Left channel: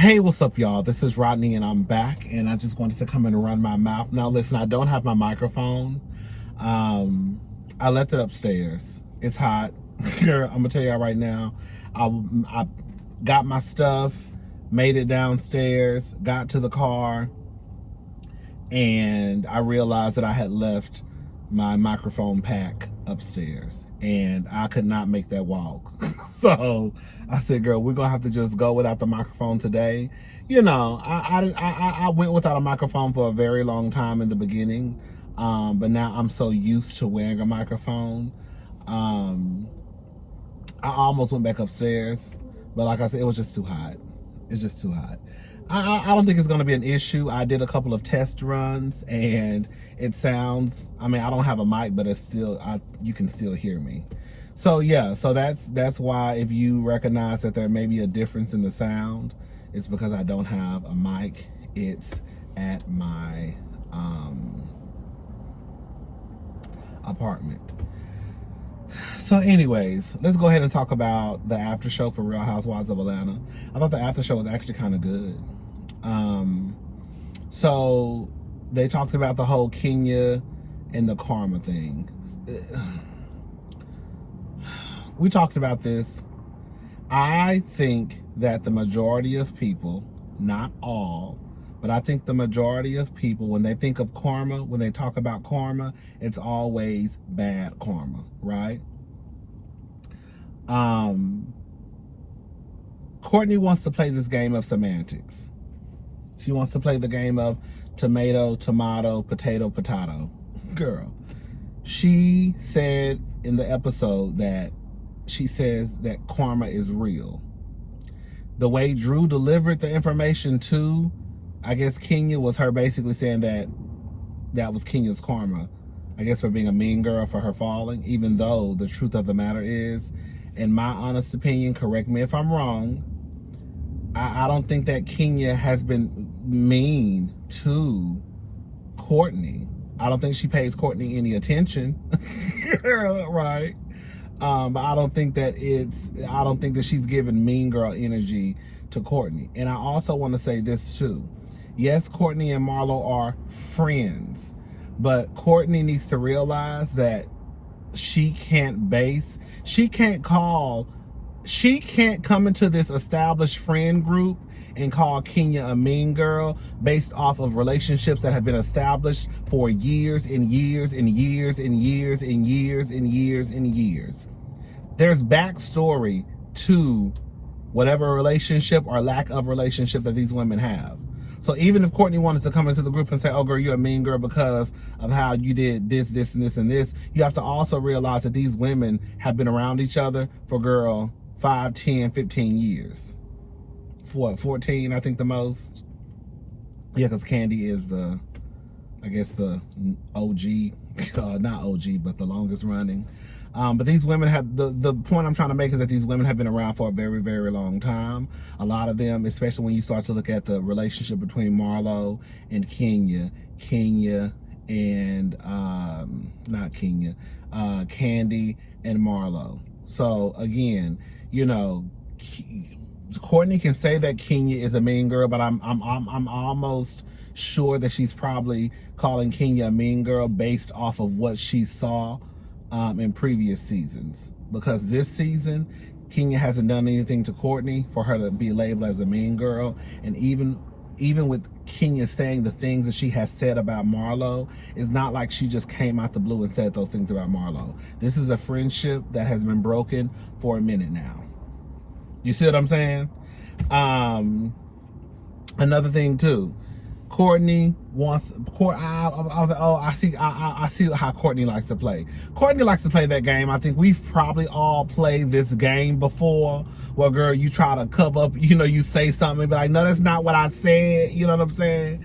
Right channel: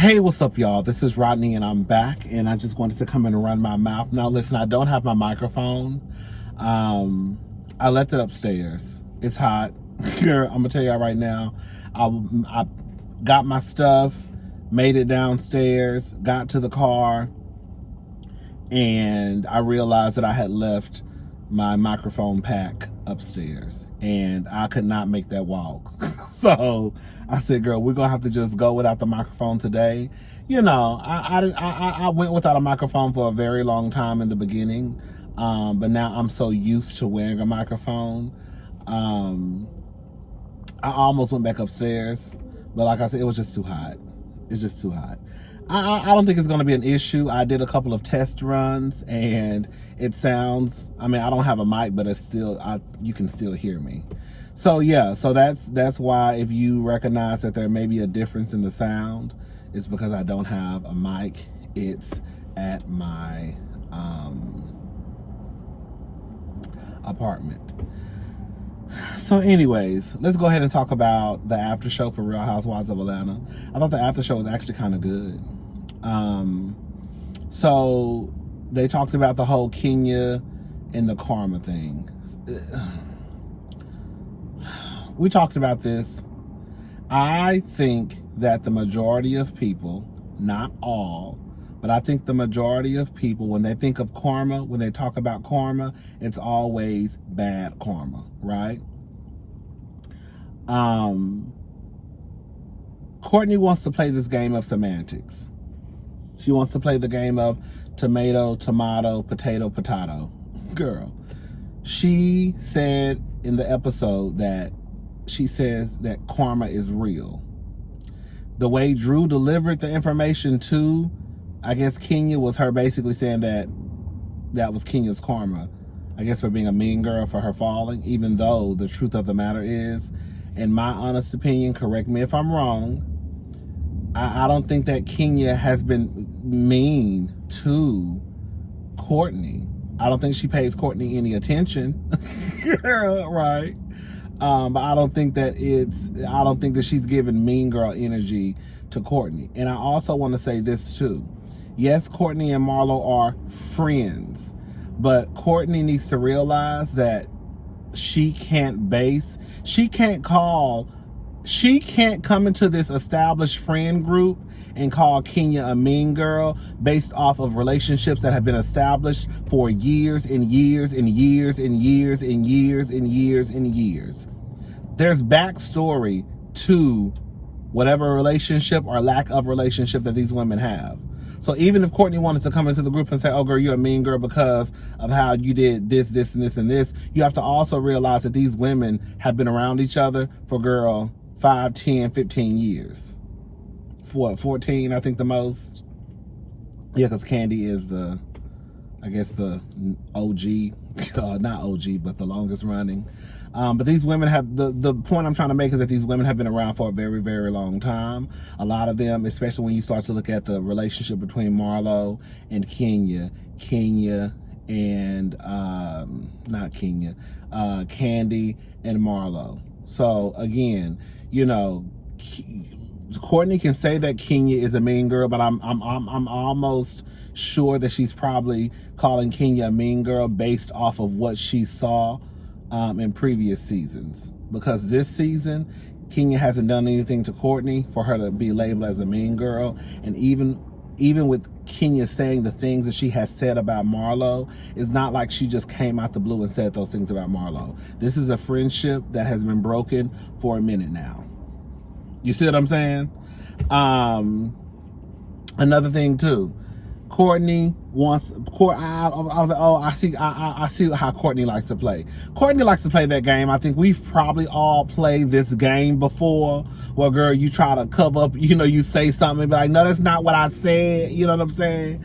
Hey, what's up, y'all? This is Rodney, and I'm back, and I just wanted to come in and run my mouth. Now, listen, I don't have my microphone. I left it upstairs. It's hot. I'm gonna tell y'all right now. I got my stuff, made it downstairs, got to the car, and I realized that I had left my microphone pack upstairs, and I could not make that walk. So I said, girl, we're gonna have to just go without the microphone today. You know, I went without a microphone for a very long time in the beginning, but now I'm so used to wearing a microphone. I almost went back upstairs, but like I said, it was just too hot. It's just too hot. I don't think it's going to be an issue. I did a couple of test runs, and it sounds, I mean, I don't have a mic, but it's still, you can still hear me. So yeah, so that's why if you recognize that there may be a difference in the sound, it's because I don't have a mic. It's at my apartment. So anyways, let's go ahead and talk about the after show for Real Housewives of Atlanta. I thought the after show was actually kind of good. So they talked about the whole Kenya and the karma thing. We talked about this. I think that the majority of people, not all, but I think the majority of people, when they think of karma, when they talk about karma, it's always bad karma, right? Courtney wants to play this game of semantics. She wants to play the game of tomato, tomato, potato, potato. Girl, she said in the episode that she says that karma is real. The way Drew delivered the information to, I guess, Kenya, was her basically saying that that was Kenya's karma, I guess, for being a mean girl, for her falling, even though the truth of the matter is, in my honest opinion, correct me if I'm wrong, I don't think that Kenya has been mean to Courtney. I don't think she pays Courtney any attention, right? But I don't think that she's giving mean girl energy to Courtney. And I also want to say this too. Yes, Courtney and Marlo are friends, but Courtney needs to realize that she can't come into this established friend group and call Kenya a mean girl based off of relationships that have been established for years and years and years and years and years and years and years. There's backstory to whatever relationship or lack of relationship that these women have. So even if Courtney wanted to come into the group and say, oh girl, you're a mean girl because of how you did this, this, and this, and this, you have to also realize that these women have been around each other for, girl, 5, 10, 15 years. For what, 14, I think the most? Yeah, because Candy is the, I guess, the OG, not OG, but the longest running. But these women have, the point I'm trying to make is that these women have been around for a very, very long time. A lot of them, especially when you start to look at the relationship between Marlo and Kenya and, not Kenya, Candy and Marlo. So again, you know, Courtney can say that Kenya is a mean girl, but I'm almost sure that she's probably calling Kenya a mean girl based off of what she saw in previous seasons. Because this season, Kenya hasn't done anything to Courtney for her to be labeled as a mean girl. And even with Kenya saying the things that she has said about Marlo, it's not like she just came out the blue and said those things about Marlo. This is a friendship that has been broken for a minute now. You see what I'm saying? Another thing too, Courtney wants, I was like, oh, I see how Courtney likes to play. Courtney likes to play that game. I think we've probably all played this game before, where, girl, you try to cover up, you know, you say something and be like, no, that's not what I said. You know what I'm saying?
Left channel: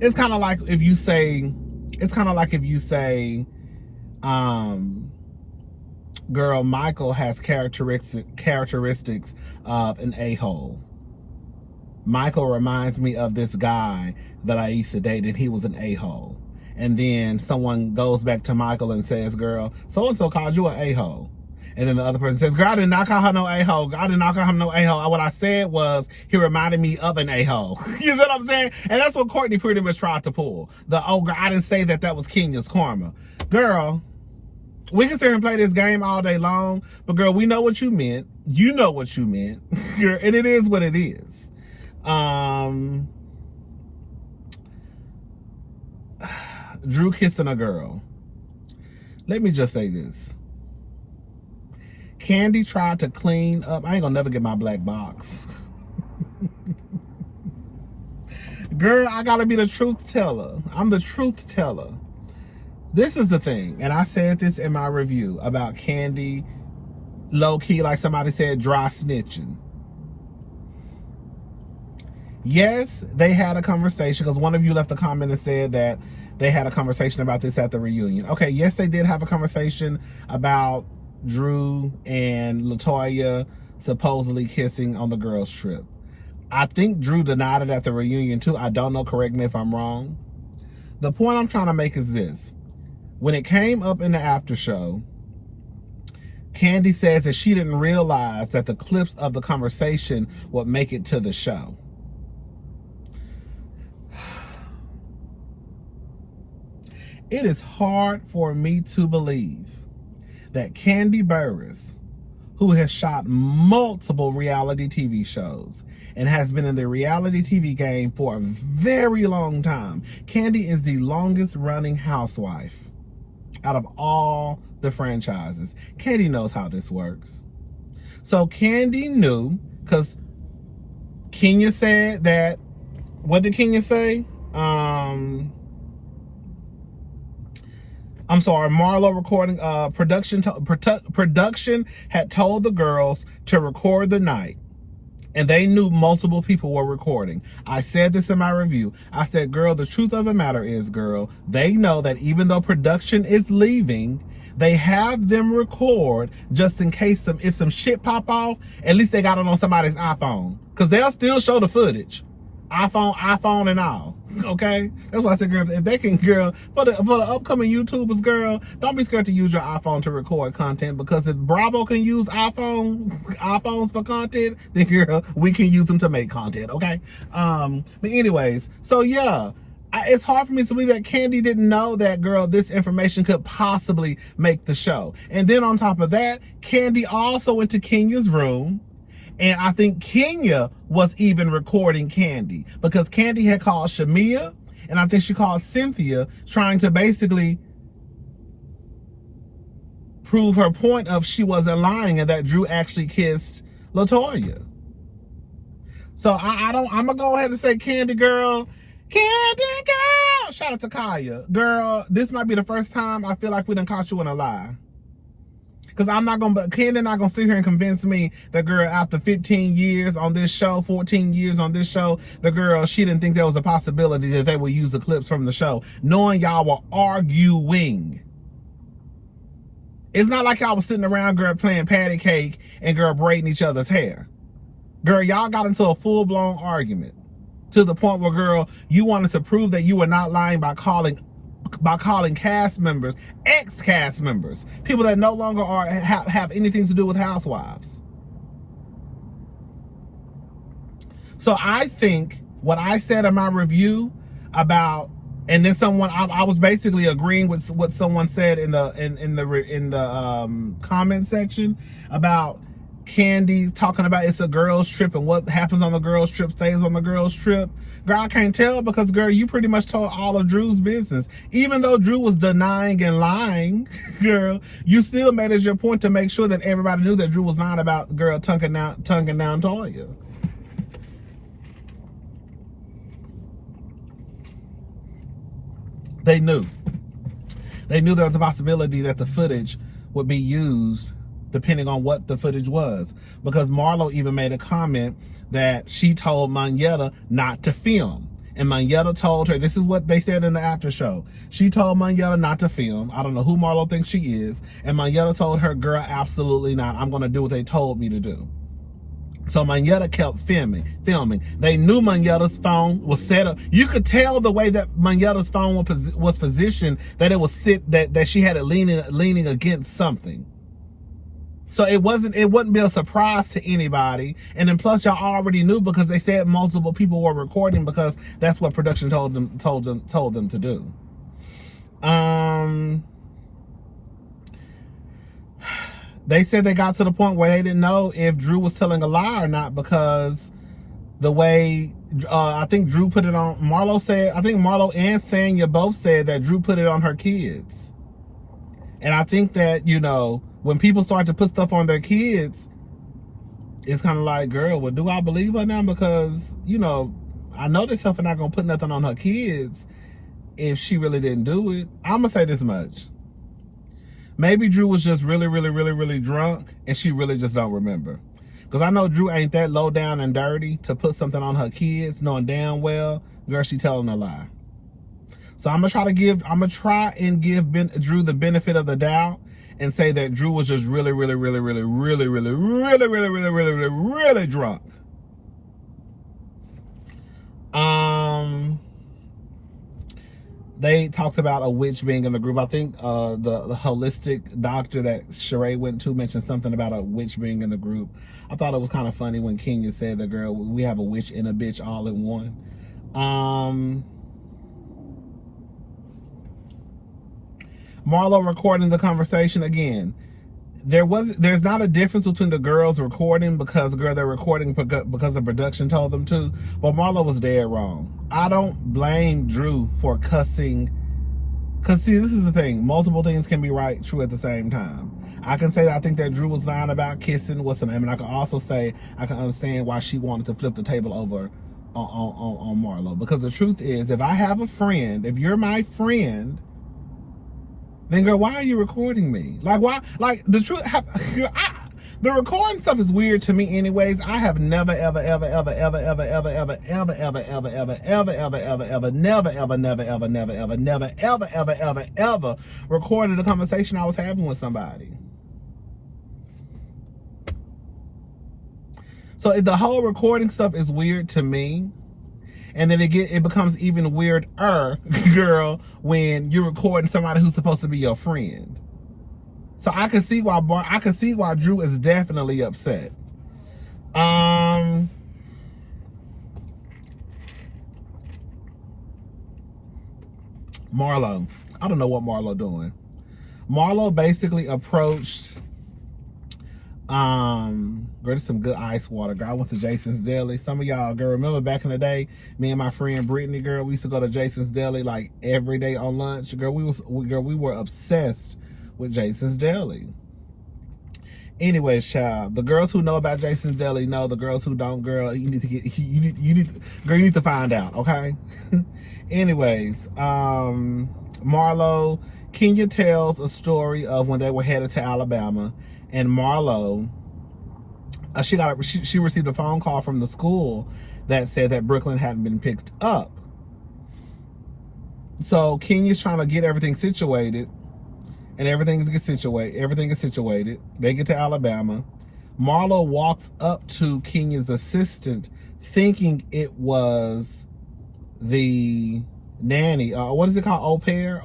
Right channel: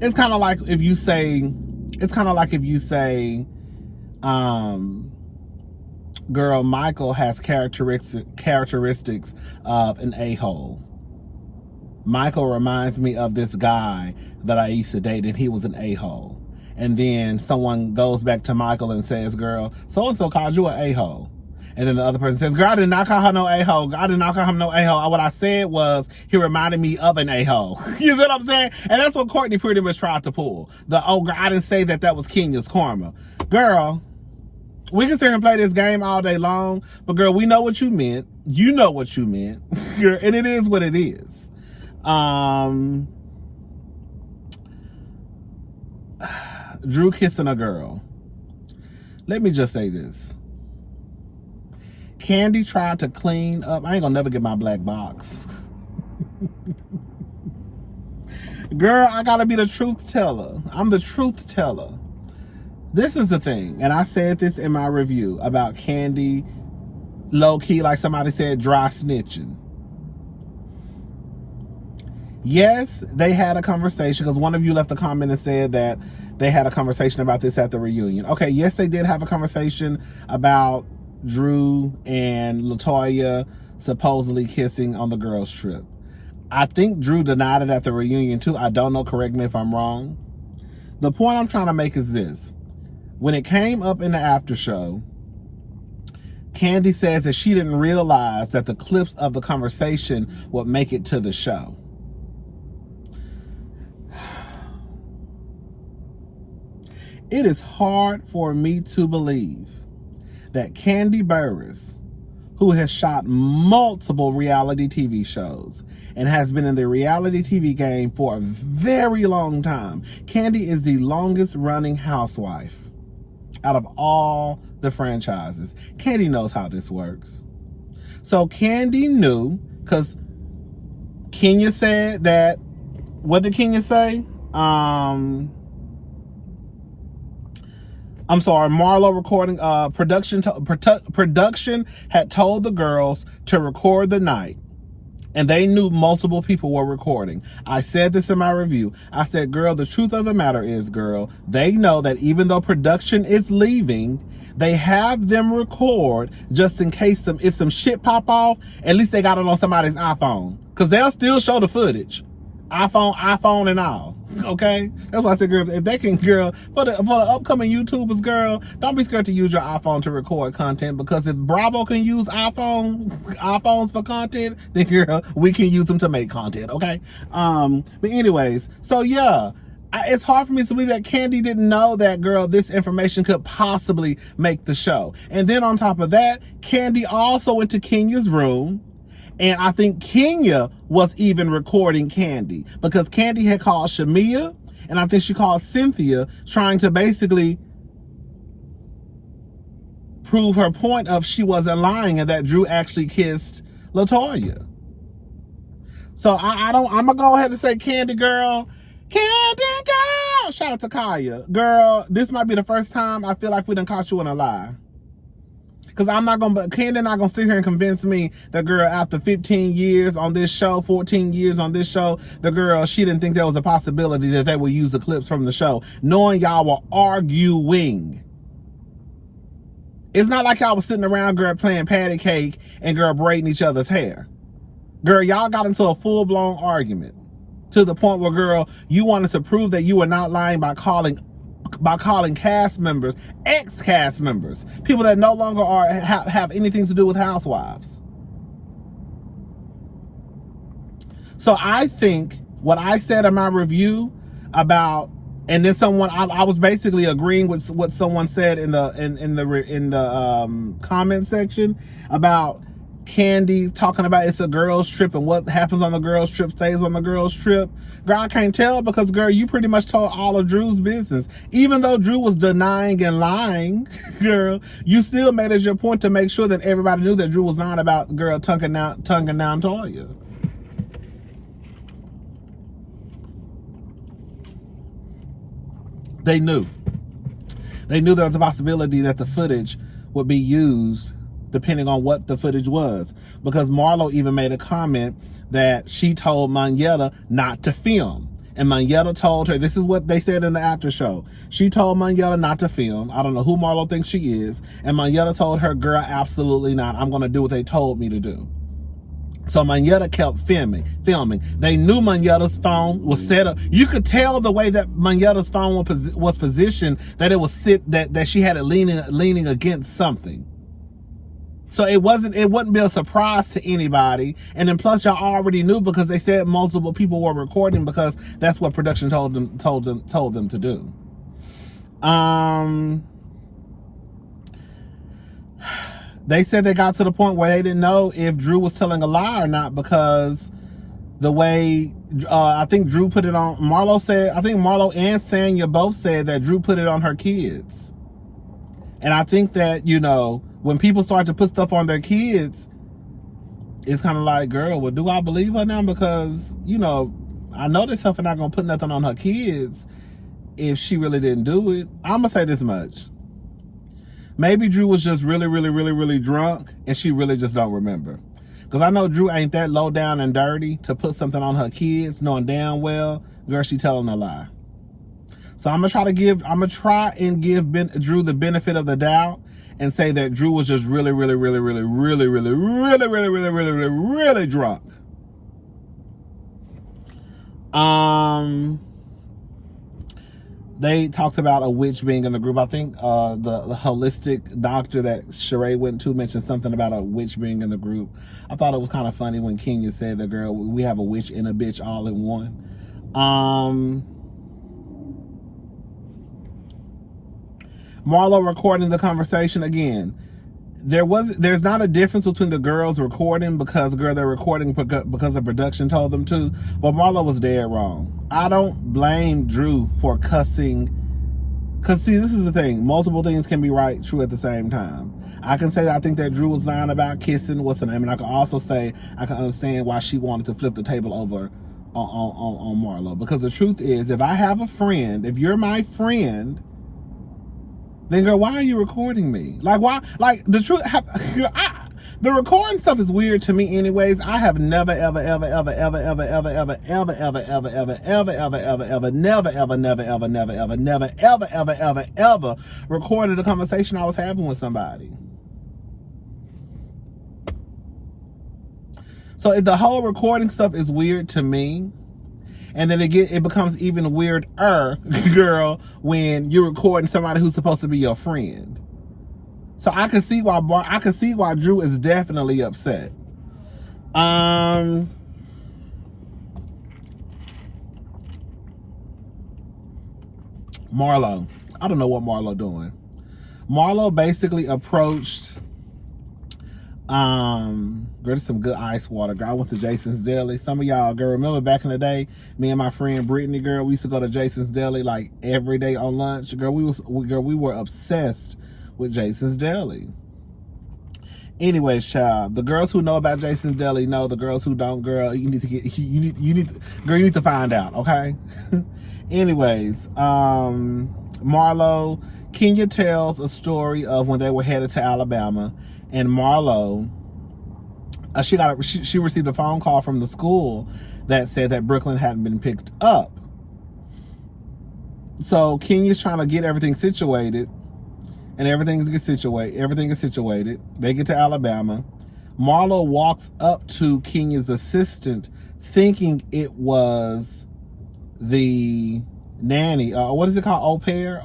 It's kind of like if you say, girl, Michael has characteristics of an a-hole. Michael reminds me of this guy that I used to date, and he was an a-hole. And then someone goes back to Michael and says, girl, so-and-so called you an a-hole. And then the other person says, girl, I did not call her no a-hole. I did not call him no a-hole. What I said was, he reminded me of an a-hole. You know what I'm saying? And that's what Courtney pretty much tried to pull. Oh, girl, I didn't say that was Kenya's karma. Girl, we can sit here and play this game all day long, but girl, we know what you meant. You know what you meant. And it is what it is. Drew kissing a girl. Let me just say this. Kandi tried to clean up. I ain't gonna never get my black box. Girl, I gotta be the truth teller. I'm the truth teller. This is the thing, and I said this in my review about Kandi, low-key, like somebody said, dry snitching. Yes, they had a conversation, because one of you left a comment and said that they had a conversation about this at the reunion. Okay, yes, they did have a conversation about Drew and LaToya supposedly kissing on the girls' trip. I think Drew denied it at the reunion too. I don't know, correct me if I'm wrong. The point I'm trying to make is this. When it came up in the after show, Kandi says that she didn't realize that the clips of the conversation would make it to the show. It is hard for me to believe that Kandi Burruss, who has shot multiple reality TV shows and has been in the reality TV game for a very long time. Kandi is the longest running housewife out of all the franchises. Kandi knows how this works. So Kandi knew, because Kenya said that, what did Kenya say? I'm sorry, Marlo recording, production had told the girls to record the night, and they knew multiple people were recording. I said this in my review. I said, girl, the truth of the matter is, girl, they know that even though production is leaving, they have them record just in case if some shit pop off, at least they got it on somebody's iPhone, because they'll still show the footage. iPhone and all. Okay? That's why I said, girl, if they can, girl, for the upcoming YouTubers, girl, don't be scared to use your iPhone to record content, because if Bravo can use iPhones for content, then girl, we can use them to make content, okay? But anyways, so yeah, it's hard for me to believe that Kandi didn't know that, girl, this information could possibly make the show. And then on top of that, Kandi also went to Kenya's room, and I think Kenya was even recording Kandi, because Kandi had called Shamia, and I think she called Cynthia, trying to basically prove her point of she wasn't lying and that Drew actually kissed LaToya. So I'm gonna go ahead and say, Kandi girl, shout out to Kaya. Girl, this might be the first time I feel like we done caught you in a lie. Because Kandi not gonna sit here and convince me that, girl, after 15 years on this show, 14 years on this show, the girl, she didn't think there was a possibility that they would use the clips from the show, knowing y'all were arguing. It's not like y'all was sitting around, girl, playing patty cake and, girl, braiding each other's hair. Girl, y'all got into a full-blown argument to the point where, girl, you wanted to prove that you were not lying by calling cast members, ex-cast members, people that no longer have anything to do with Housewives. So I think what I said in my review about, and then I was basically agreeing with what someone said in the comment section about Kandi talking about it's a girl's trip and what happens on the girl's trip stays on the girl's trip. Girl, I can't tell, because, girl, you pretty much told all of Drew's business. Even though Drew was denying and lying, girl, you still made it your point to make sure that everybody knew that Drew was lying about, girl, tonguing down Toya. They knew. They knew there was a possibility that the footage would be used depending on what the footage was. Because Marlo even made a comment that she told Monyetta not to film. And Monyetta told her, this is what they said in the after show. She told Monyetta not to film. I don't know who Marlo thinks she is. And Monyetta told her, girl, absolutely not. I'm going to do what they told me to do. So Monyetta kept filming. They knew Monyetta's phone was set up. You could tell the way that Monyetta's phone was positioned, that it was that she had it leaning against something. So it wouldn't be a surprise to anybody. And then plus y'all already knew because they said multiple people were recording because that's what production told them to do. They said they got to the point where they didn't know if Drew was telling a lie or not because the way I think Drew put it on, I think Marlo and Sanya both said that Drew put it on her kids. And I think that, you know, when people start to put stuff on their kids, it's kind of like, girl, well, do I believe her now? Because, you know, I know this stuff and not going to put nothing on her kids if she really didn't do it. I'm going to say this much. Maybe Drew was just really, really, really, really drunk and she really just don't remember. Because I know Drew ain't that low down and dirty to put something on her kids, knowing damn well, girl, she telling a lie. So I'm gonna try and give Drew the benefit of the doubt and say that Drew was just really, really, really, really, really, really, really, really, really, really, really, really drunk. They talked about a witch being in the group. I think the holistic doctor that Sheree went to mentioned something about a witch being in the group. I thought it was kind of funny when Kenya said that, girl, we have a witch and a bitch all in one. Marlo recording the conversation again. There's not a difference between the girls recording because, girl, they're recording because the production told them to, but Marlo was dead wrong. I don't blame Drew for cussing, because see, this is the thing, multiple things can be right, true at the same time. I can say that I think that Drew was lying about kissing, what's the name, and I can also say I can understand why she wanted to flip the table over on Marlo, because the truth is, if I have a friend, if you're my friend, then girl, why are you recording me? Like, why? Like, the truth, the recording stuff is weird to me anyways. I have never, ever, ever, ever, ever, ever, ever, ever, ever, ever, ever, ever, ever, ever, ever, ever, never, ever, never, ever, never, ever, never, ever, ever, ever, ever recorded a conversation I was having with somebody. So the whole recording stuff is weird to me. And then it becomes even weirder, girl, when you're recording somebody who's supposed to be your friend. So I can see why Drew is definitely upset. Marlo, I don't know what Marlo doing. Marlo basically approached. Girl, there's some good ice water. Girl, I went to Jason's Deli. Some of y'all, girl, remember back in the day, me and my friend Brittany, girl, we used to go to Jason's Deli like every day on lunch. Girl, we were obsessed with Jason's Deli. Anyways, child, the girls who know about Jason's Deli know. The girls who don't, girl, you need to find out, okay? Anyways, Marlo, Kenya tells a story of when they were headed to Alabama. And Marlo, she received a phone call from the school that said that Brooklyn hadn't been picked up. So Kenya's trying to get everything situated, and everything is situated. They get to Alabama. Marlo walks up to Kenya's assistant, thinking it was the nanny. What is it called? Au pair.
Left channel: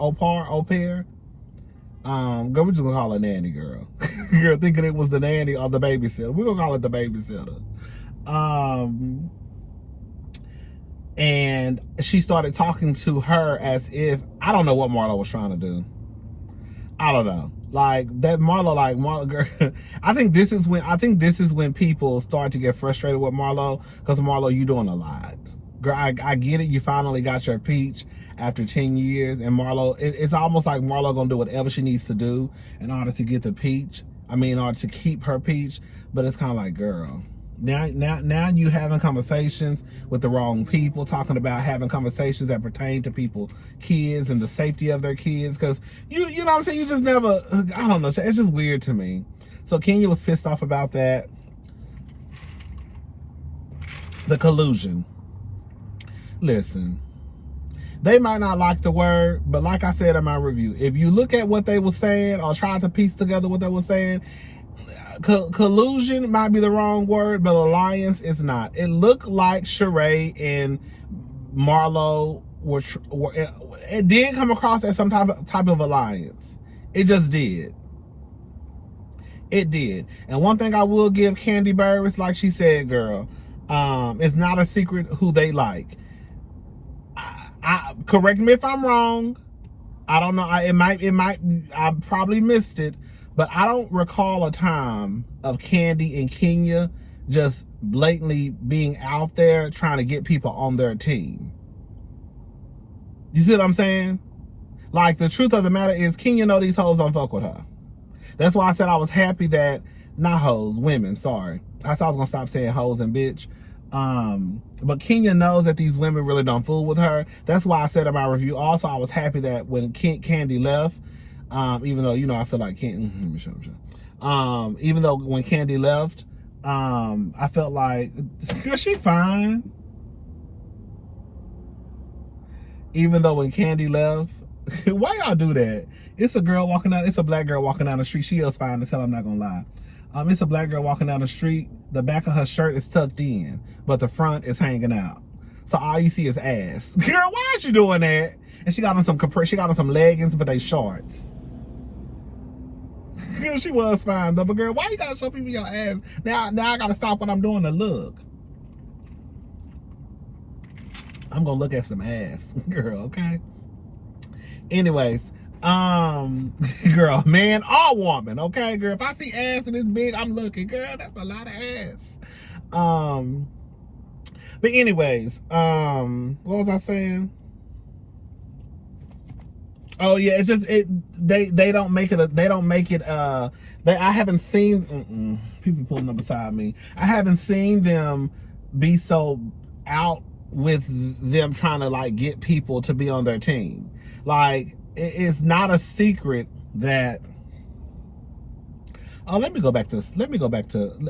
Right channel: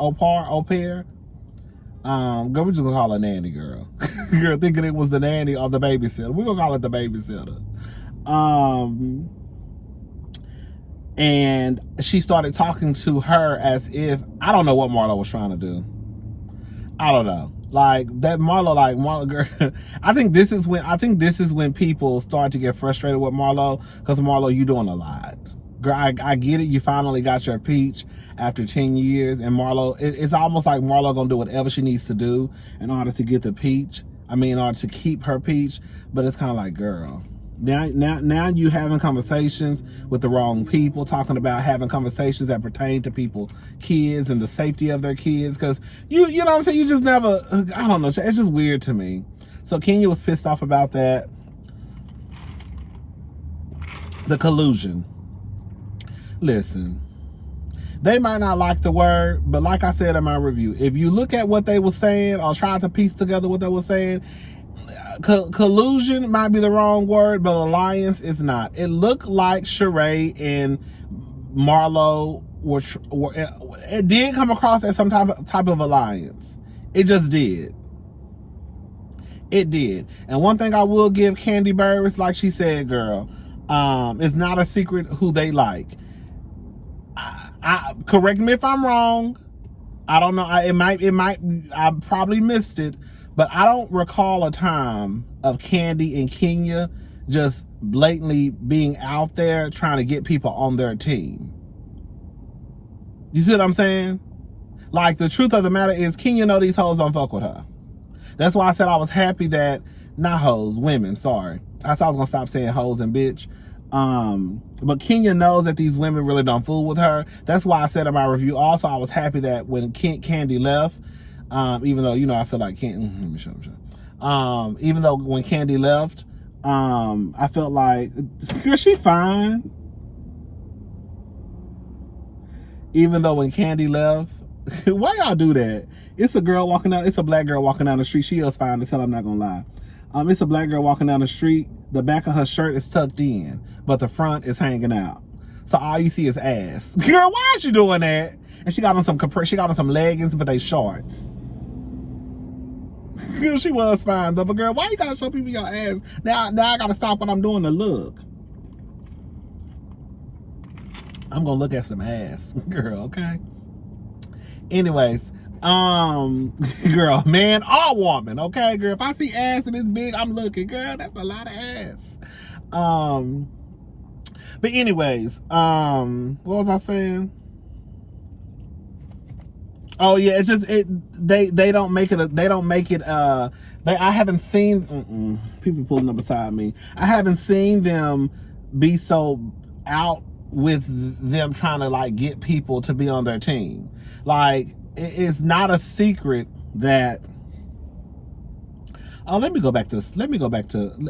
Girl, we're just gonna call her nanny, girl. Girl, thinking it was the nanny or the babysitter. We're gonna call it the babysitter. And she started talking to her as if, I don't know what Marlo was trying to do. I don't know. Like that Marlo, girl. I think this is when people start to get frustrated with Marlo, because Marlo, you doing a lot. Girl, I get it. You finally got your peach after 10 years, and Marlo, it's almost like Marlo gonna do whatever she needs to do in order to get the peach. I mean, in order to keep her peach. But it's kind of like, girl, now you having conversations with the wrong people, talking about having conversations that pertain to people, kids, and the safety of their kids. Because you know what I'm saying, you just never, I don't know, it's just weird to me. So Kenya was pissed off about that. The collusion. Listen, they might not like the word, but like I said in my review, if you look at what they were saying or try to piece together what they were saying, collusion might be the wrong word, but alliance is not. It looked like Sheree and Marlo were it did come across as some type of alliance. It just did. It did. And one thing I will give Candy Burris, like she said, girl, it's not a secret who they like. Correct me if I'm wrong. I don't know. I probably missed it, but I don't recall a time of Candy and Kenya just blatantly being out there trying to get people on their team. You see what I'm saying? Like, the truth of the matter is, Kenya know these hoes don't fuck with her. That's why I said I was happy that, not hoes, women, sorry. I said I was gonna stop saying hoes and bitch. But Kenya knows that these women really don't fool with her. That's why I said in my review also, I was happy that when Candy left, even though, you know, I feel like even though when Candy left, I felt like, girl, she fine. Even though when Candy left, why y'all do that? It's a black girl walking down the street. She is fine as hell, I'm not gonna lie. It's a black girl walking down the street. The back of her shirt is tucked in, but the front is hanging out. So all you see is ass. Girl, why is she doing that? And she got on some leggings, but they shorts. Girl, she was fine though. But girl, why you gotta show people your ass? Now I gotta stop what I'm doing to look. I'm gonna look at some ass, girl, okay? Anyways, girl, man or woman, okay, girl, if I see ass and it's big, I'm looking, girl, that's a lot of ass. But anyways, what was I saying? Oh yeah, it's just they don't make it I haven't seen people pulling up beside me. I haven't seen them be so out with them trying to like get people to be on their team. Like, it's not a secret that let me go back to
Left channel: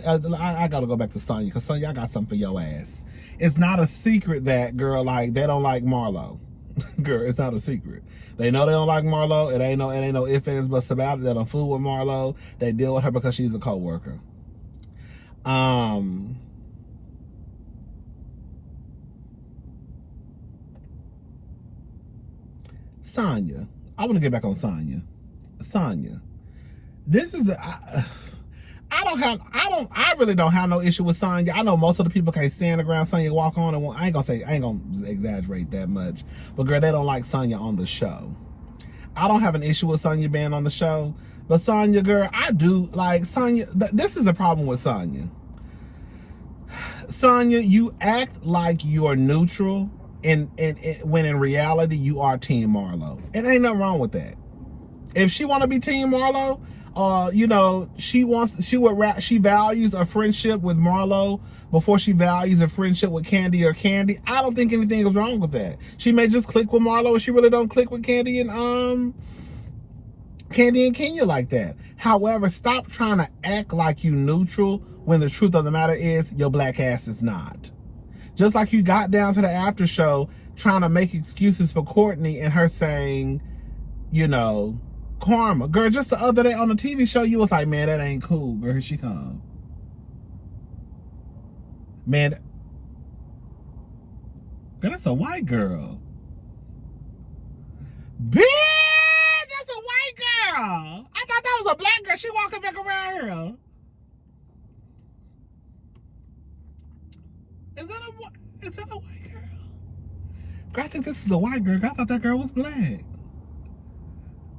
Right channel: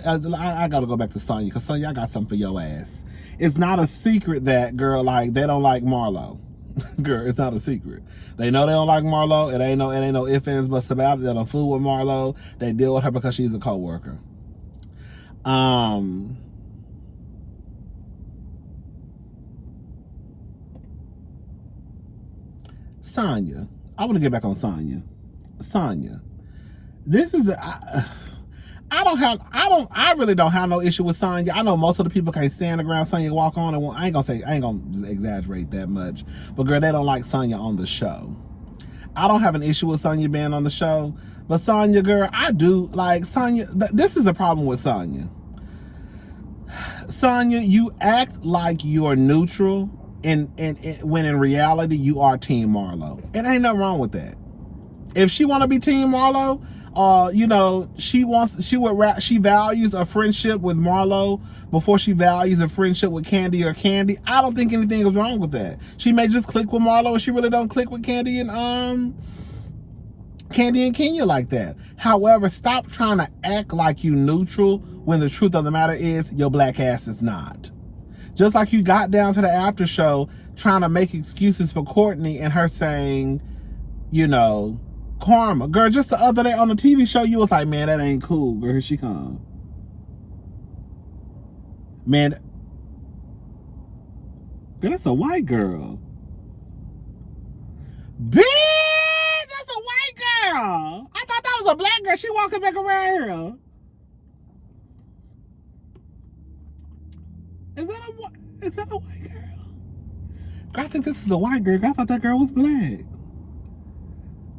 I gotta go back to Sonya, because Sonya, I got something for your ass. It's not a secret that, girl, like, they don't like Marlo. Girl, it's not a secret. They know they don't like Marlo. It ain't no ifs, ands, buts about it. They don't fool with Marlo. They deal with her because she's a co-worker. Sonya. I want to get back on Sonya. Sonya. This is I really don't have no issue with Sonya. I know most of the people can't stand the ground Sonya walk on, and I ain't gonna exaggerate that much. But girl, they don't like Sonya on the show. I don't have an issue with Sonya being on the show, but Sonya, girl, I do. Like, Sonya, this is a problem with Sonya. Sonya, you act like you're neutral, and when in reality you are Team Marlo. It ain't nothing wrong with that. If she want to be Team Marlo, you know, she values a friendship with Marlo before she values a friendship with Candy or Candy. I don't think anything is wrong with that. She may just click with Marlo, and she really don't click with Candy and Kenya like that. However, stop trying to act like you neutral when the truth of the matter is your black ass is not. Just like you got down to the after show trying to make excuses for Courtney and her saying, you know, karma. Girl, just the other day on the TV show, you was like, man, that ain't cool. Girl, here she come. Man, girl, that's a white girl. Bitch, that's a white girl. I thought that was a black girl. She walking back around here. Is that a white girl? Girl, I think this is a white girl. I thought that girl was black.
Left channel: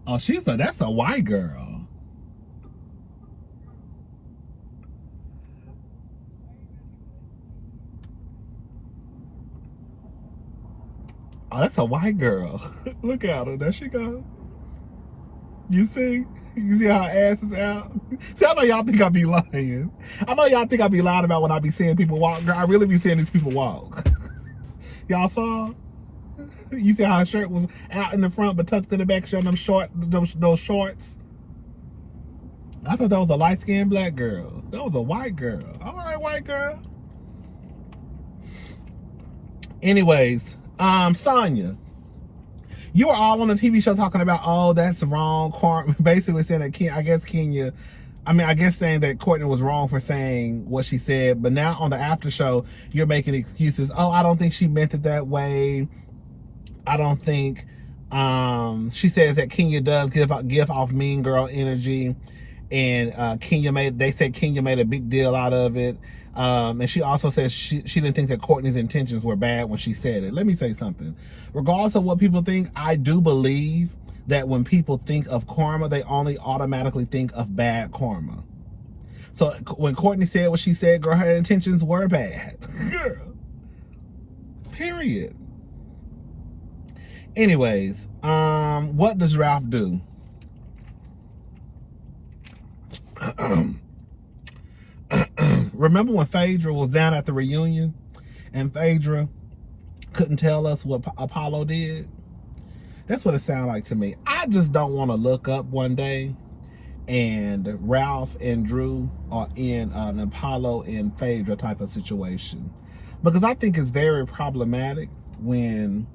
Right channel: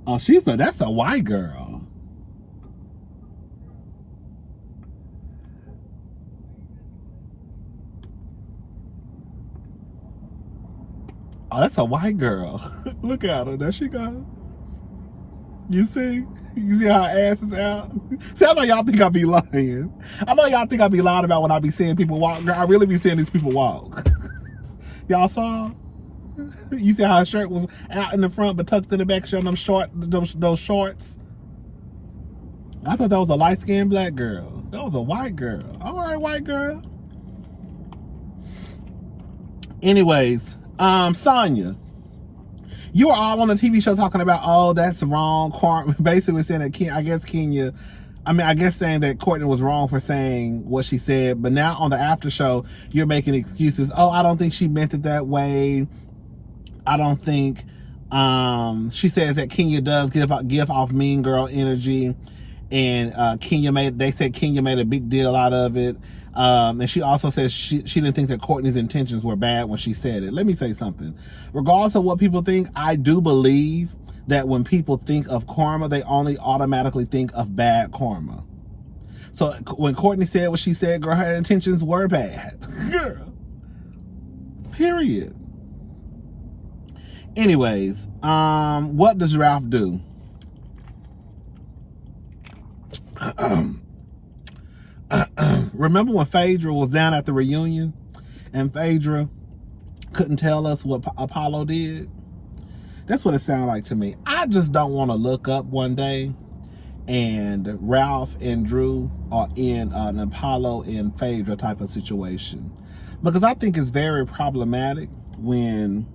Oh, that's a white girl. Oh, that's a white girl. Look at her. There she goes. You see? You see how her ass is out? See, I know y'all think I be lying. I know y'all think I be lying about when I be seeing people walk. Girl, I really be seeing these people walk. Y'all saw? You see how her shirt was out in the front but tucked in the back, showing those shorts? I thought that was a light-skinned black girl. That was a white girl. All right, white girl. Anyways, Sonya, you were all on the TV show talking about, oh, that's wrong. Basically saying that I guess saying that Courtney was wrong for saying what she said. But now on the after show, you're making excuses. Oh, I don't think she meant it that way. I don't think, she says that Kenya does give off mean girl energy. and they said Kenya made a big deal out of it. And she also says she didn't think that Courtney's intentions were bad when she said it. Let me say something. Regardless of what people think, I do believe that when people think of karma, they only automatically think of bad karma. So when Courtney said what she said, girl, her intentions were bad. Girl. Period. Anyways, what does Ralph do? Remember when Phaedra was down at the reunion and Phaedra couldn't tell us what Apollo did? That's what it sounded like to me. I just don't want to look up one day and Ralph and Drew are in an Apollo and Phaedra type of situation. Because I think it's very problematic when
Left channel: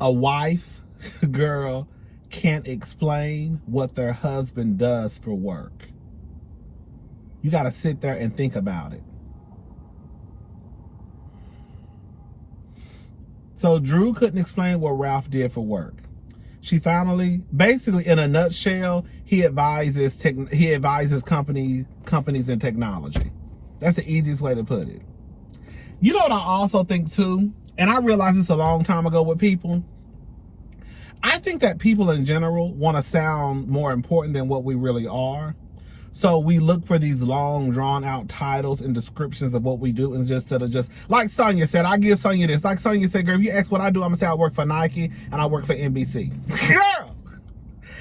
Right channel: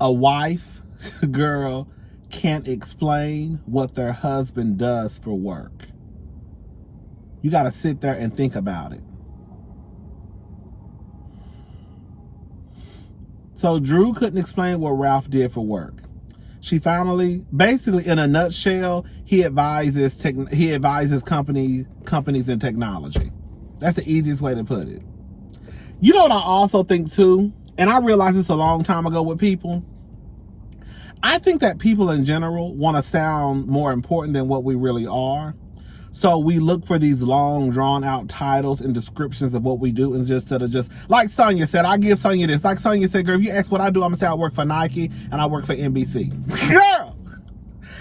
a wife, girl, can't explain what their husband does for work. You got to sit there and think about it. So Drew couldn't explain what Ralph did for work. She finally, basically in a nutshell, he advises companies in technology. That's the easiest way to put it. You know what I also think too, and I realized this a long time ago with people, I think that people in general want to sound more important than what we really are. So we look for these long, drawn-out titles and descriptions of what we do instead of just, like Sonya said, I give Sonya this. Like Sonya said, girl, if you ask what I do, I'm going to say I work for Nike and I work for NBC. Girl!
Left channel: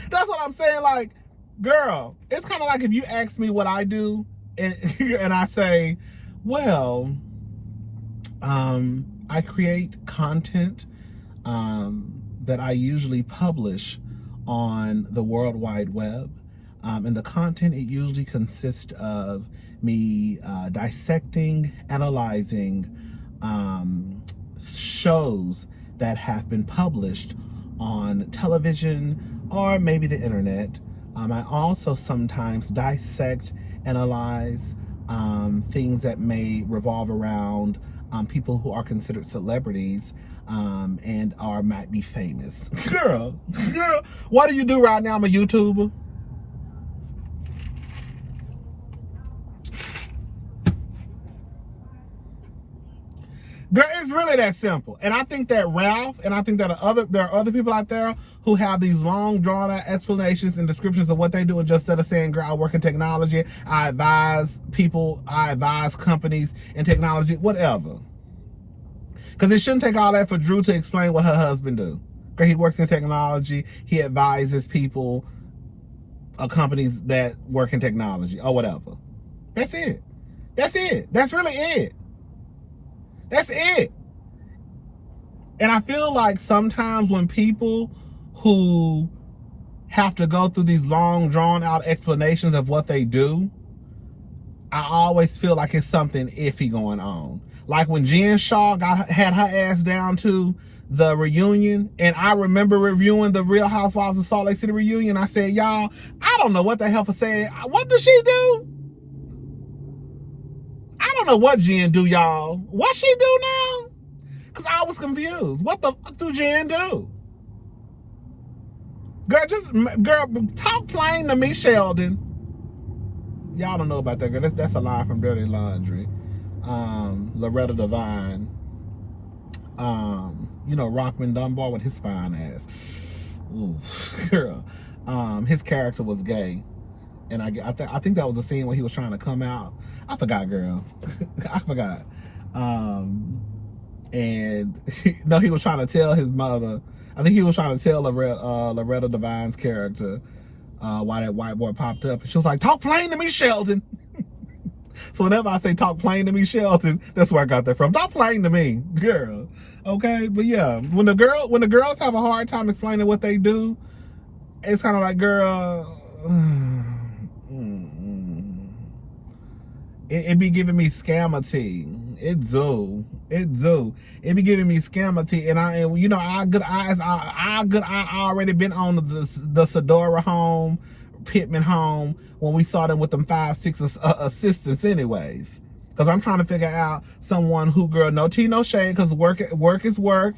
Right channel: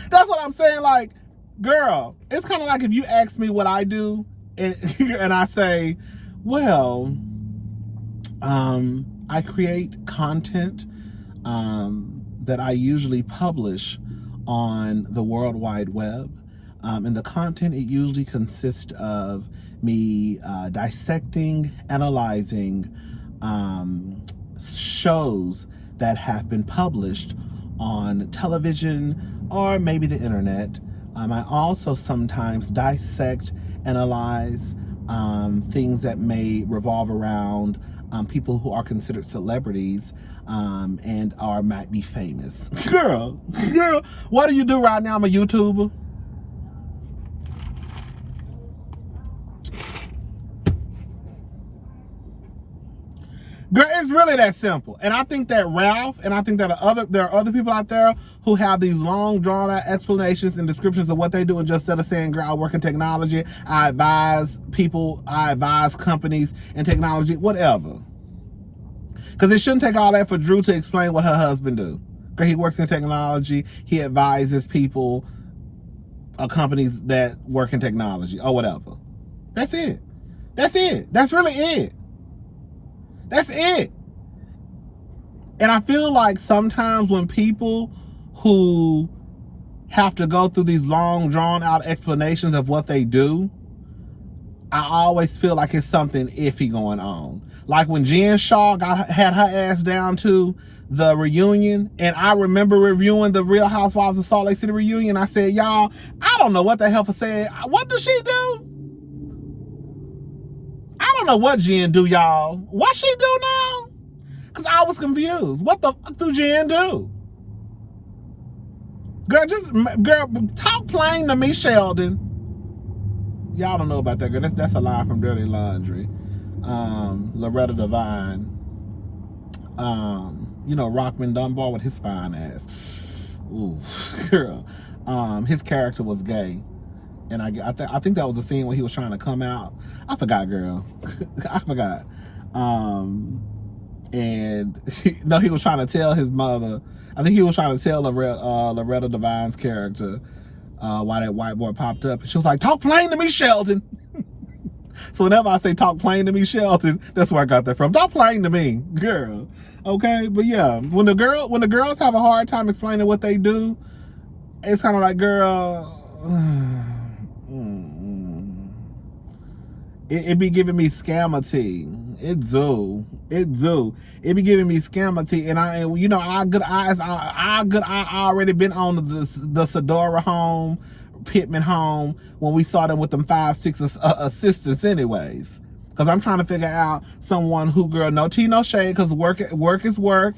That's what I'm saying. Like, girl, it's kind of like if you ask me what I do and I say, well, I create content that I usually publish on the World Wide Web. And the content, it usually consists of me dissecting, analyzing shows that have been published on television or maybe the internet. I also sometimes dissect, analyze things that may revolve around people who are considered celebrities and might be famous. Girl, what do you do right now? I'm a YouTuber. Girl, it's really that simple. And I think that Ralph, and I think that there are other people out there who have these long, drawn-out explanations and descriptions of what they do, and just instead of saying, girl, I work in technology, I advise people, I advise companies in technology, whatever. Because it shouldn't take all that for Drew to explain what her husband do. Girl, he works in technology, he advises people, companies that work in technology, or whatever. That's it. That's it. That's really it. That's it. And I feel like sometimes when people who have to go through these long, drawn-out explanations of what they do, I always feel like it's something iffy going on. Like when Jen Shaw had her ass down to the reunion, and I remember reviewing the Real Housewives of Salt Lake City reunion, I said, y'all, I don't know what the hell for saying. What does she do? I don't know what Jen do, y'all. What she do now? Because I was confused. What the fuck do Jen do? Girl, talk plain to me, Sheldon. Y'all don't know about that, girl. That's a line from Dirty Laundry. Loretta Devine. You know, Rockman Dunbar with his fine ass. Ooh, girl. His character was gay. And I think that was the scene where he was trying to come out. I forgot, girl. I forgot. And no, he was trying to tell his mother. I think he was trying to tell Loretta Devine's character why that white boy popped up. And she was like, talk plain to me, Sheldon. So whenever I say talk plain to me, Sheldon, that's where I got that from. Talk plain to me, girl. Okay, but yeah, when the girls have a hard time explaining what they do, it's kind of like, girl. It be giving me scammer-tea. It do. It be giving me scammer-tea. And our good eyes, I already been on the Sedora home, Pittman home, when we saw them with them 5-6 assistants anyways. Because I'm trying to figure out someone who, girl, no tea, no shade, because work is work.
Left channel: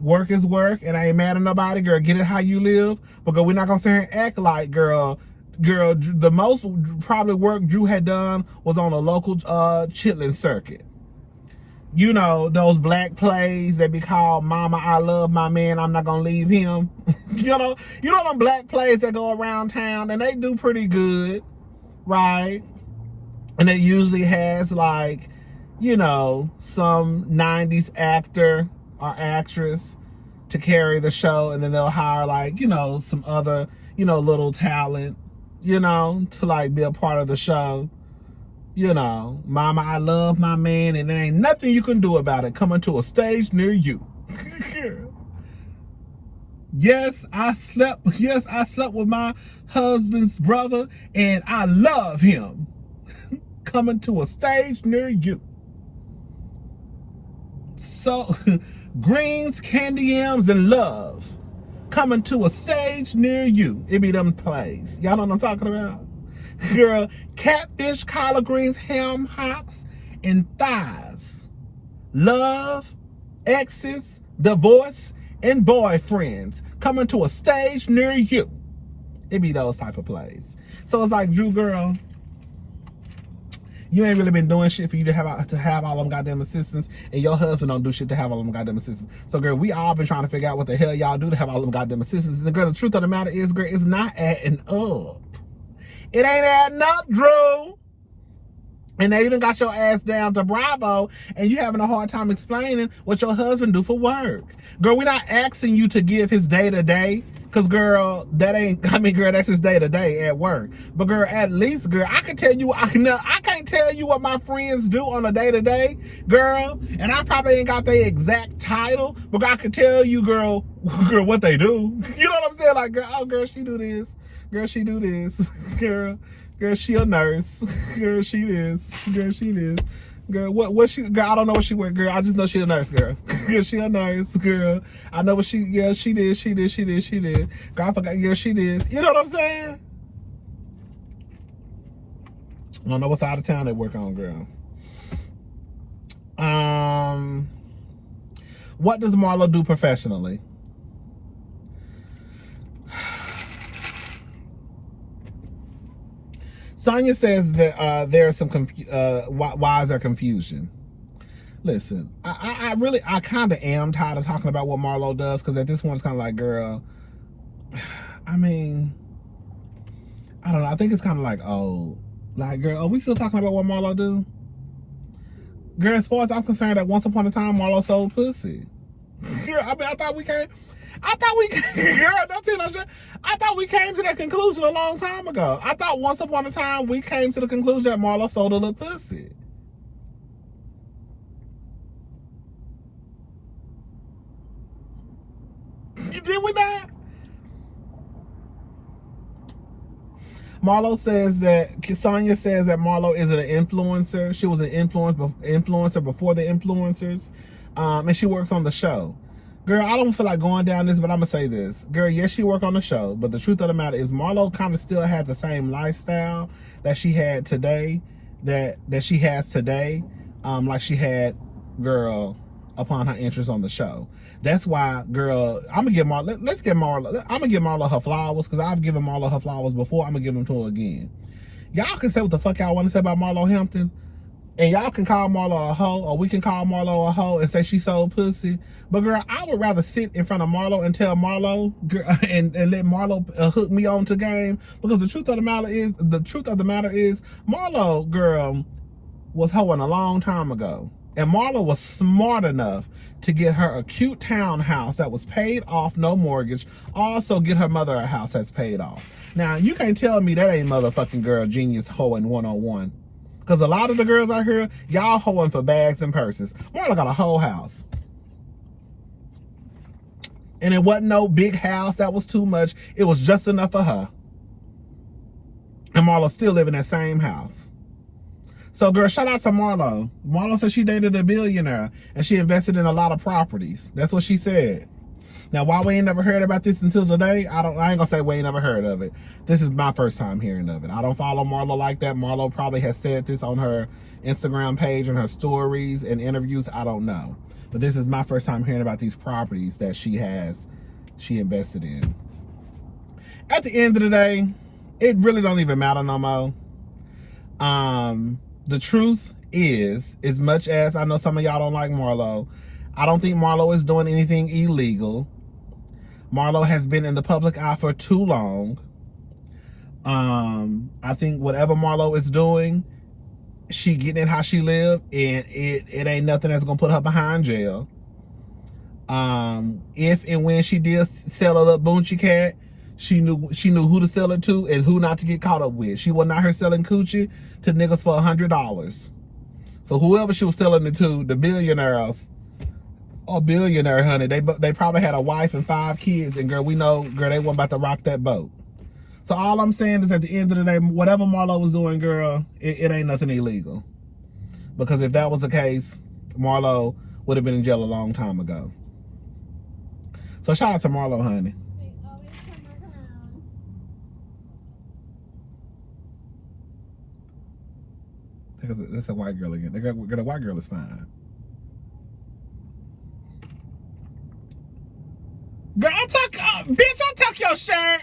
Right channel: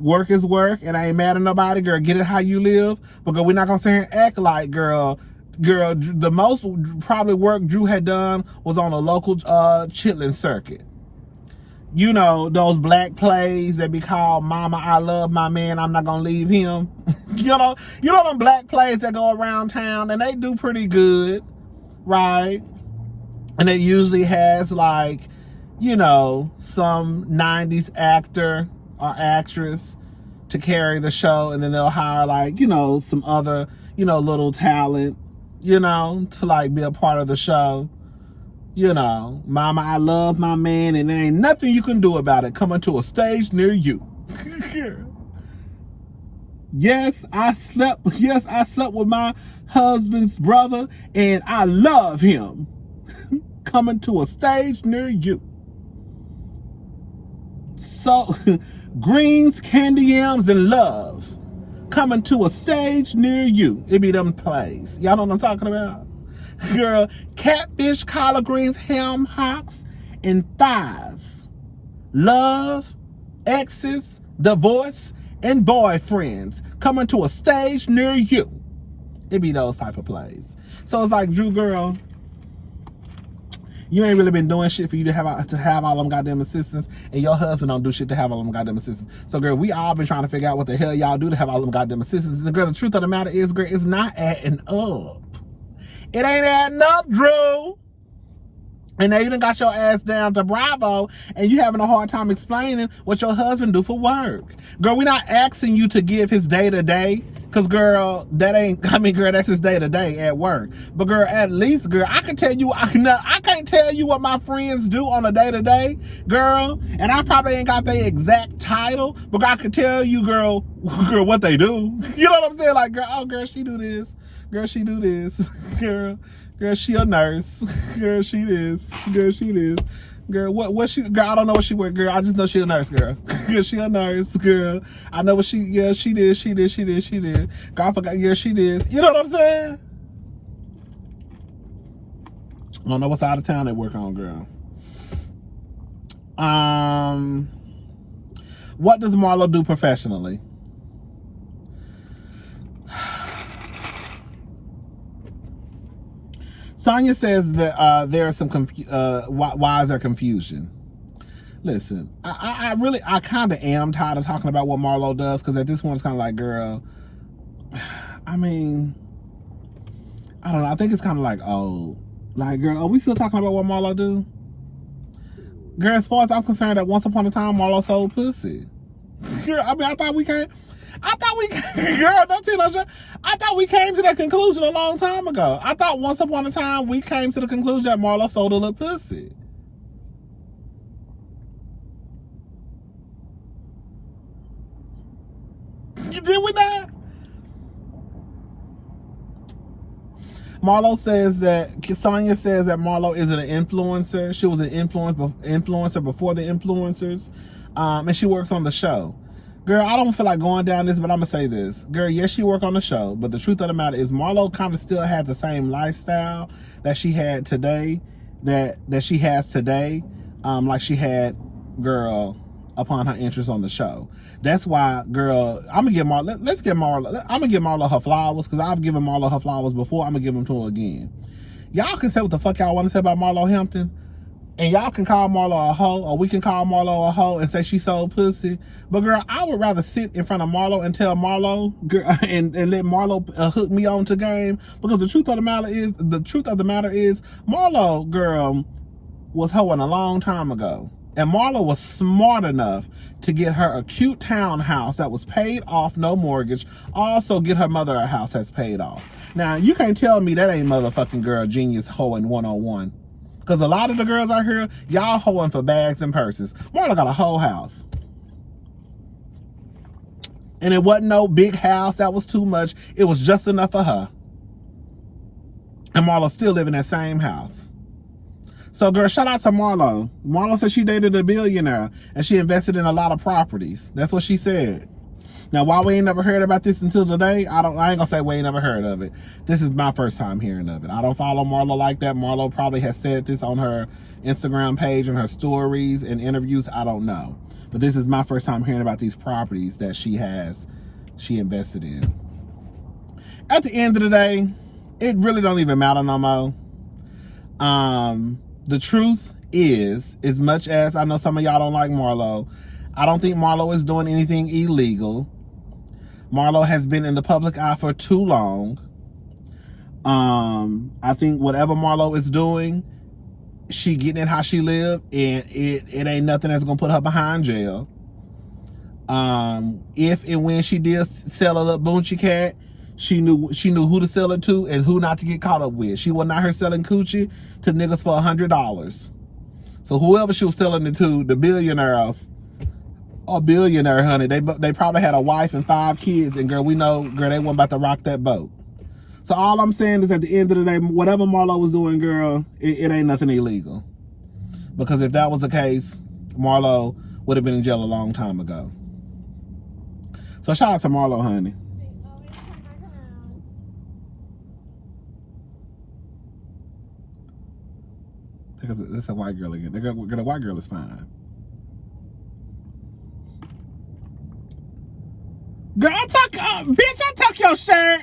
Work is work, and I ain't mad at nobody, girl. Get it how you live. But girl, we're not going to sit here and act like, girl, girl, the most probably work Drew had done was on a local chitlin circuit. You know, those black plays that be called Mama, I Love My Man, I'm Not Gonna Leave Him. you know them black plays that go around town, and they do pretty good, right? And it usually has, like, you know, some 90s actor or actress to carry the show, and then they'll hire, like, you know, some other, you know, little talent, you know, to, like, be a part of the show. You know, Mama, I Love My Man, and there ain't nothing you can do about it, coming to a stage near you. Yes, I slept with my husband's brother, and I love him. Coming to a stage near you. So, greens, candy yams, and love. Coming to a stage near you. It be them plays. Y'all know what I'm talking about? Girl, catfish, collard greens, ham hocks, and thighs. Love, exes, divorce, and boyfriends coming to a stage near you. It be those type of plays. So it's like, Drew, girl, you ain't really been doing shit for you to have all them goddamn assistants, and your husband don't do shit to have all them goddamn assistants. So, girl, we all been trying to figure out what the hell y'all do to have all them goddamn assistants. And, girl, the truth of the matter is, girl, it's not adding up. It ain't adding up, Drew. And now you done got your ass down to Bravo, and you having a hard time explaining what your husband do for work. Girl, we're not asking you to give his day-to-day, because, girl, girl, that's his day-to-day at work. But, girl, at least, girl, I can tell you, I can't tell you what my friends do on a day-to-day, girl, and I probably ain't got their exact title, but I can tell you, girl, what they do. You know what I'm saying? Like, girl, oh, girl, she do this. Girl, she do this. Girl, she a nurse. Girl, she this. Girl, she this. Girl, what she, girl, I don't know what she work, girl. I just know she a nurse, girl. Girl, she a nurse, girl. I know what she did. Girl, I forgot, girl, she did. You know what I'm saying? I don't know what side of town they work on, girl. What does Marlo do professionally? Sonia says that there is some why is there confusion? Listen, I kind of am tired of talking about what Marlo does, because at this point it's kind of like, girl, I mean, I don't know. I think it's kind of like, oh, like, girl, are we still talking about what Marlo do? Girl, as far as I'm concerned, that once upon a time Marlo sold pussy. Girl, I mean, girl, don't tell no shit. I thought we came to that conclusion a long time ago. I thought once upon a time we came to the conclusion that Marlo sold a little pussy. Did we not? Sonia says that Marlo isn't an influencer. She was an influencer before the influencers. And she works on the show. Girl, I don't feel like going down this, but I'm going to say this. Girl, yes, she worked on the show, but the truth of the matter is Marlo kind of still had the same lifestyle that she had today, that she has today, like she had, girl, upon her entrance on the show. That's why, girl, I'm going to give Marlo, I'm going to give Marlo her flowers, because I've given Marlo her flowers before. I'm going to give them to her again. Y'all can say what the fuck y'all want to say about Marlo Hampton, and y'all can call Marlo a hoe, or we can call Marlo a hoe and say she sold pussy. But, girl, I would rather sit in front of Marlo and tell Marlo, girl, and let Marlo hook me on to game. Because the truth of the matter is, Marlo, girl, was hoeing a long time ago. And Marlo was smart enough to get her a cute townhouse that was paid off, no mortgage. Also get her mother a house that's paid off. Now, you can't tell me that ain't motherfucking girl genius hoeing 101. Because a lot of the girls out here, y'all hoeing for bags and purses. Marlo got a whole house. And it wasn't no big house that was too much. It was just enough for her. And Marlo still live in that same house. So, girl, shout out to Marlo. Marlo said she dated a billionaire and she invested in a lot of properties. That's what she said. Now, why we ain't never heard about this until today, I ain't gonna say we ain't never heard of it. This is my first time hearing of it. I don't follow Marlo like that. Marlo probably has said this on her Instagram page and her stories and interviews. I don't know. But this is my first time hearing about these properties that she invested in. At the end of the day, it really don't even matter no more. The truth is, as much as I know some of y'all don't like Marlo, I don't think Marlo is doing anything illegal. Marlo has been in the public eye for too long. I think whatever Marlo is doing, she getting it how she live, and it ain't nothing that's gonna put her behind jail. If and when she did sell a little Boonchie cat, she knew who to sell it to and who not to get caught up with. She was not her selling coochie to niggas for $100. So whoever she was selling it to, the billionaires or billionaire, honey, they probably had a wife and 5 kids, and girl, we know, girl, they wasn't about to rock that boat. So all I'm saying is, at the end of the day, whatever Marlo was doing, girl, it ain't nothing illegal. Because if that was the case, Marlo would have been in jail a long time ago. So shout out to Marlo, honey. That's a white girl again. The white girl is fine. Girl, bitch, I took your shirt.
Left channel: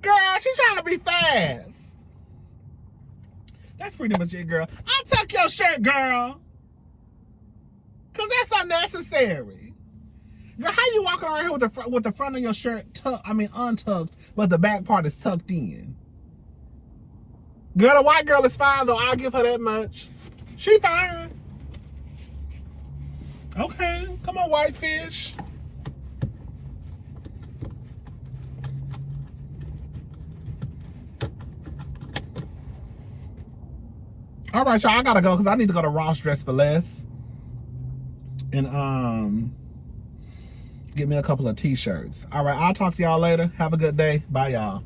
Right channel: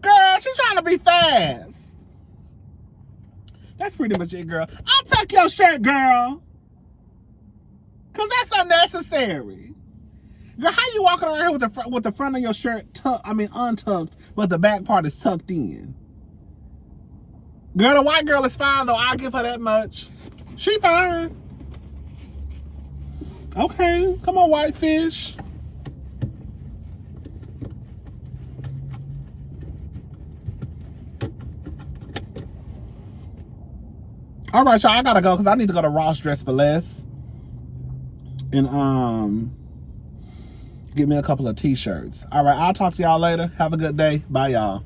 Girl, she's trying to be fast. That's pretty much it, girl. I took your shirt, girl. Because that's unnecessary. Girl, how you walking around here with the front of your shirt untucked, but the back part is tucked in? Girl, the white girl is fine, though. I'll give her that much. She fine. Okay, come on, whitefish. All right, y'all, I gotta go because I need to go to Ross Dress for Less and get me a couple of t-shirts. All right, I'll talk to y'all later. Have a good day. Bye, y'all.